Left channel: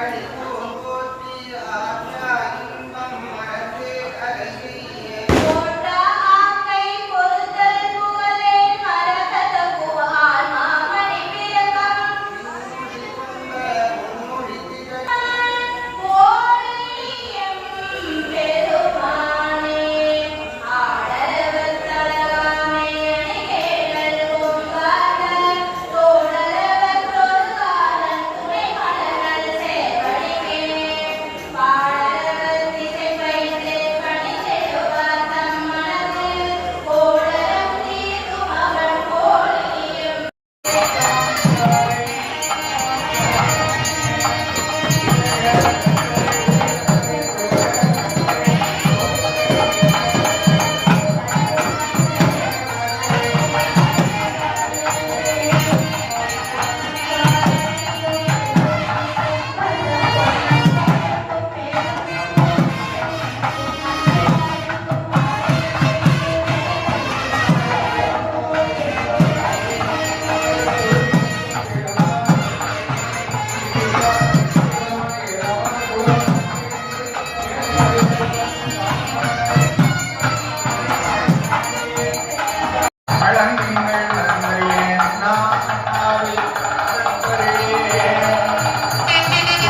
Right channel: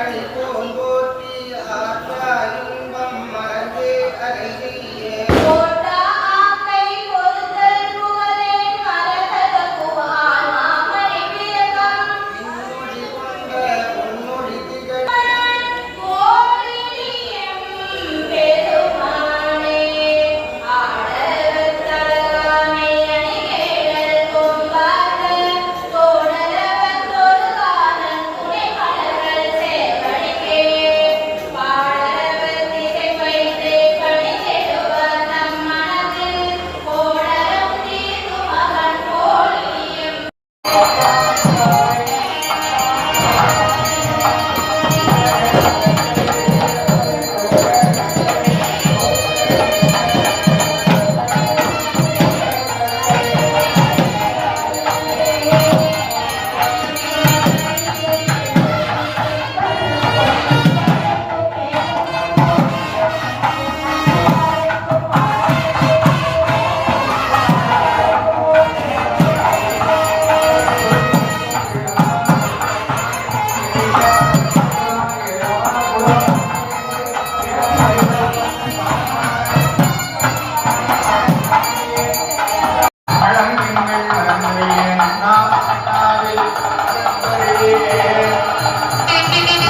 started.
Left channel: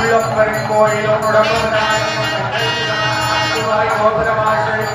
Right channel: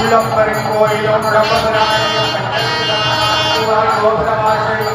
உள்ளப்பெரும் கோயிலும் உடம்பு கோபுரவாசல்